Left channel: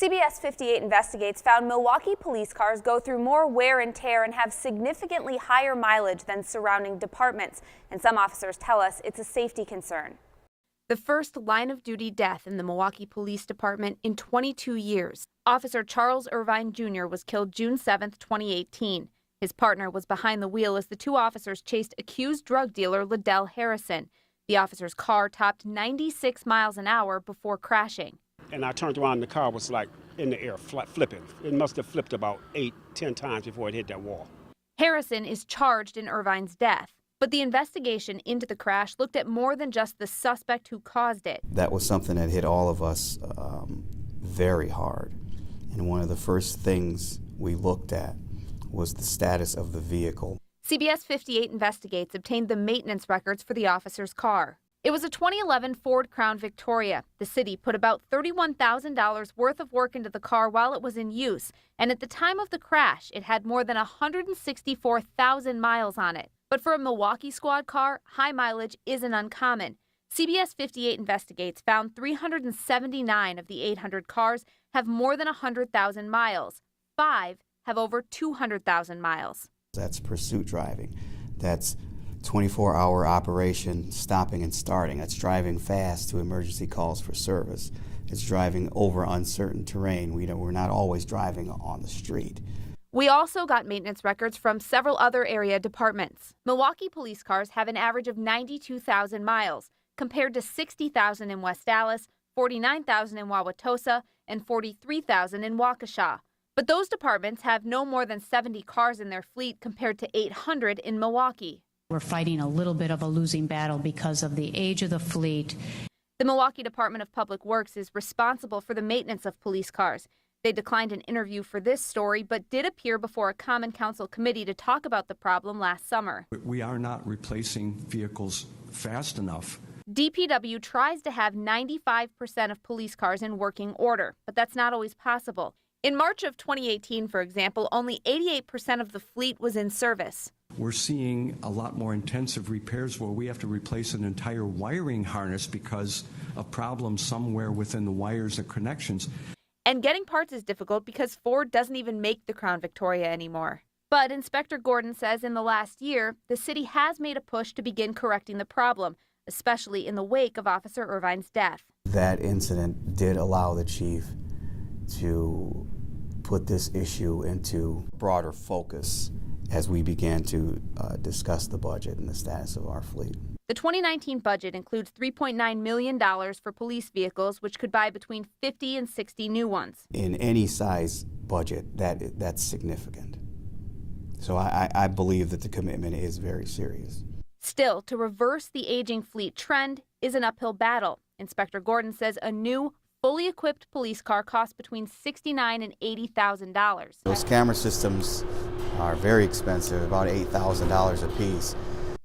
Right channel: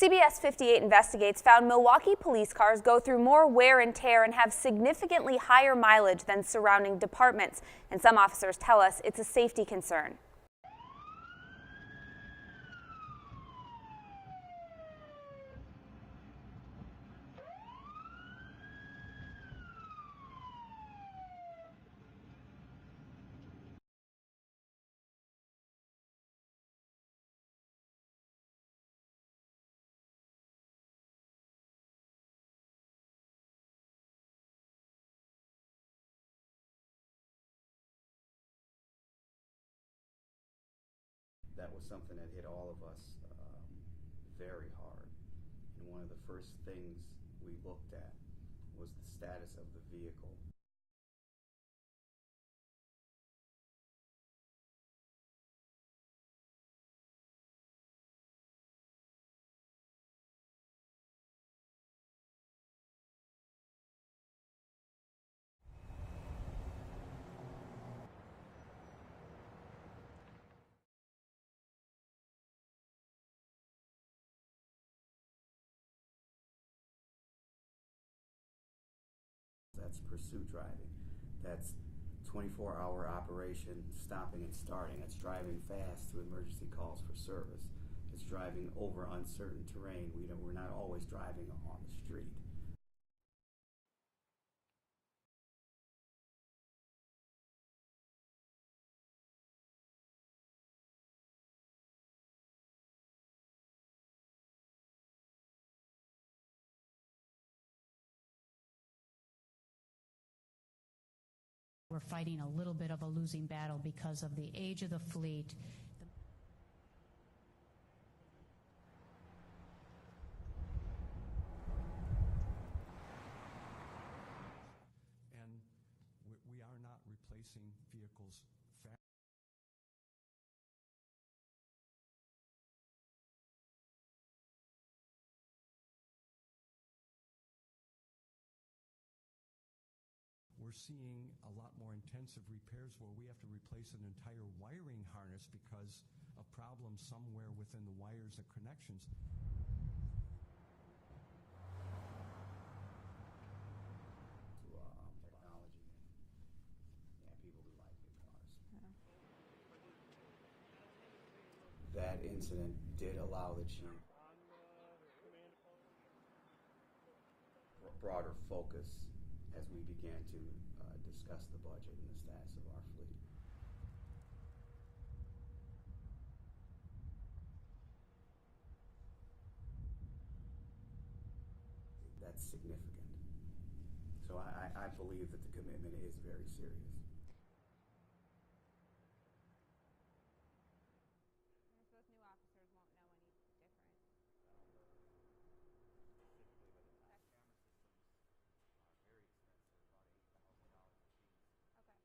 CBS 58 Investigates found Milwaukee police cars go through more wear and tear and have significantly higher mileage than surrounding departments. And some officers tell us it's a safety concern. The first line-of-duty death in the Milwaukee Police Department in 22 years. Officer Charles Irvine Jr. was killed June 7, 2018. His partner was behind the wheel as the two officers chased accused drug dealer Liddell Harrison. The officer's car topped 96 miles an hour before crashing. And I turned around and the car was like in the air, flipping. It must have flipped about 8-10 times before it hit that wall. Harrison is charged in Irvine's death. But the investigation into the crash looked at more than just the suspect who caused it. That was something that hit all of us very hard. And one of the first things we looked at was the status of the vehicle. CBS 58 Investigates obtained the maintenance records for the officer's car. It was a 2011 Ford Crown Victoria. The city put about $31,000 worth of work into the car while it was in use, and at the time of the crash, it had more than 164,000 miles on it. But for a Milwaukee squad car, high mileage isn't uncommon. CBS 58 Investigates found 379 of the 800 cars have more than 100,000 miles. 5 have over 200,000 miles. That's pursuit driving. That's 24-hour operation, stopping and starting. That's driving fast to emergency calls for service. It's driving over uncertain terrain. We're not always driving on the street. We also got maintenance records from several other area departments. Milwaukee police cars have an average of 92,000 miles, compared to 60,000 in West Dallas, 49,000 in Wauwatosa, and 43,000 in Waukesha. But those departments have no more than 70 cars in their fleet compared to 800 in Milwaukee. We're fighting a little bit of a losing battle because of the age of the fleet. The Milwaukee Department of Public Works is responsible for the maintenance of police cars. They declined an interview for this story, but did appear before a Common Council committee to talk about the problem last summer. We are not replacing vehicles fast enough. DPW tries to have 95% of police cars in working order, but that's not always possible. In March of 2018, for example, only 88% of the fleet was in service. We're seeing a lot more intensive repairs where we have to replace an entire wiring harness because of problems somewhere within the wires and connections. And getting parts is difficult because Ford doesn't even make the Crown Victoria anymore. But Inspector Gordon says in the last year, the city has made a push to begin correcting the problem, especially in the wake of Officer Irvine's death. That incident did allow the chief to put this issue into broader focus as we began to discuss the budget and the status of our fleet. The 2019 budget includes $3.9 million for police vehicles, which could buy between 50 and 60 new ones. In any size budget, that's significant. So I believe that the commitment is very serious. Still, to reverse the aging fleet trend is an uphill battle. Inspector Gordon says a new, fully equipped police car costs between $69,000 and $80,000. Those camera systems are very expensive, about $8,000 a piece.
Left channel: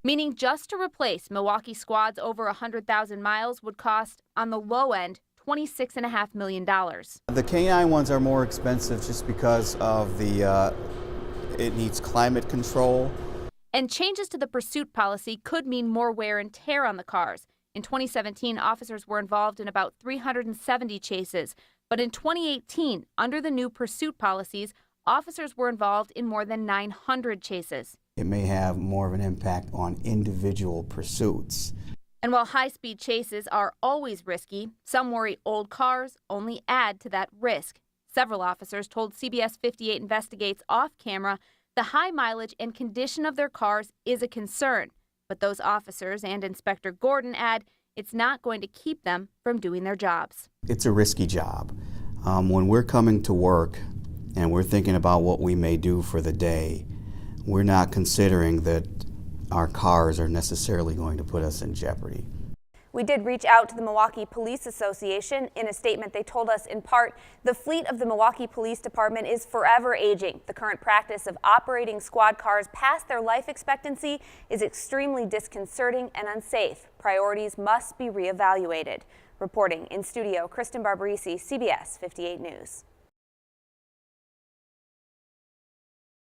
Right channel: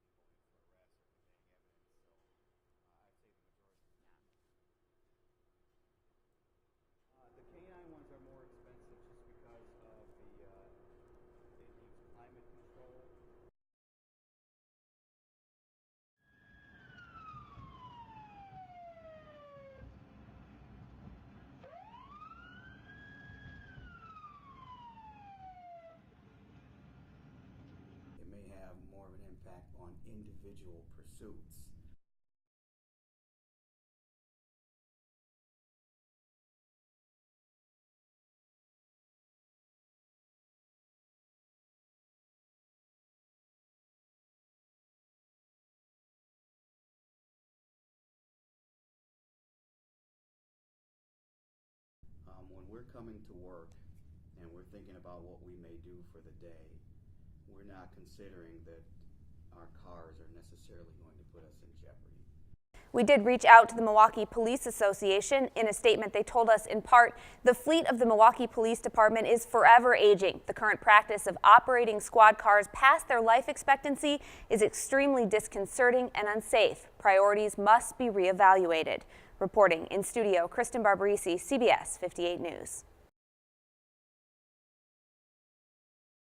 Meaning just to replace Milwaukee squads over 100,000 miles would cost, on the low end, $26.5 million. The K9 ones are more expensive just because of it needs climate control. And changes to the pursuit policy could mean more wear and tear on the cars. In 2017, officers were involved in about 370 chases. But in 2018, under the new pursuit policies, officers were involved in more than 900 chases. It may have more of an impact on individual pursuits. And while high-speed chases are always risky, some worry old cars only add to that risk. Several officers told CBS 58 Investigates off-camera the high mileage and condition of their cars is a concern. But those officers and Inspector Gordon add it's not going to keep them from doing their jobs. It's a risky job. When we're coming to work and we're thinking about what we may do for the day, we're not considering that our cars are necessarily going to put us in jeopardy. We did reach out to the Milwaukee Police Association. In a statement, they told us, in part, the fleet of the Milwaukee Police Department is forever aging. The current practice of operating squad cars past their life expectancy is extremely disconcerting and unsafe. Priorities must be reevaluated. Reporting in studio, Kristen Barbarisi, CBS 58 News.